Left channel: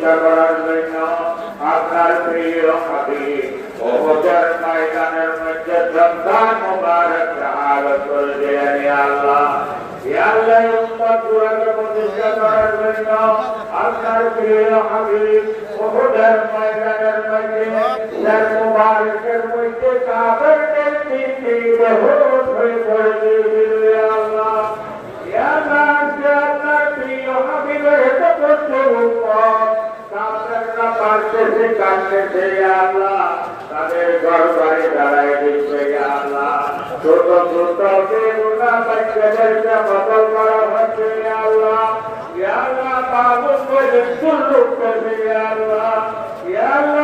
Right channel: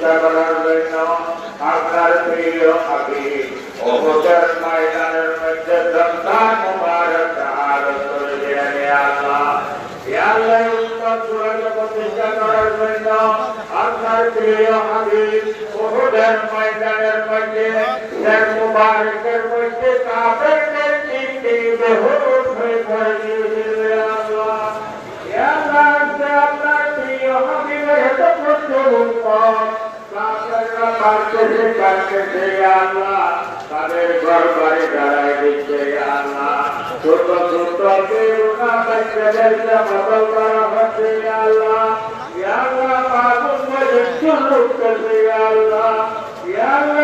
প্রতিষ্ঠা করার জন্য আপনার প্রিয় হাবিব উহুদের ময়দানের মধ্যে সন্তান মুবারক শাহাদাত করে দিলেন আল্লাহ। ইয়া আল্লাহ উম্মত গুলোকে প্রতিষ্ঠা করার জন্য আপনার প্রিয় হাবিব উহুদের ময়দানের মধ্যে শের মুবারকের মধ্যে কাফেরদের তিনটি বেহুশ হয়ে পড়ে গিয়েছিল আল্লাহ। ইয়া আল্লাহ আপনার প্রিয় হাবিবের এত কষ্ট উম্মত কাফেররা কাঁদতেছে ইয়া আল্লাহ, তাদের ঘরবাড়ি জ্বালায় দিচ্ছে ইয়া আল্লাহ, ছোট ছোট বেগুনা বাচ্চাদেরকে বদল করা হচ্ছে ইয়া আল্লাহ। ইয়া আল্লাহ আগুন মধ্যে চুল্লুক করবে ইয়া আল্লাহ। ইয়া আল্লাহ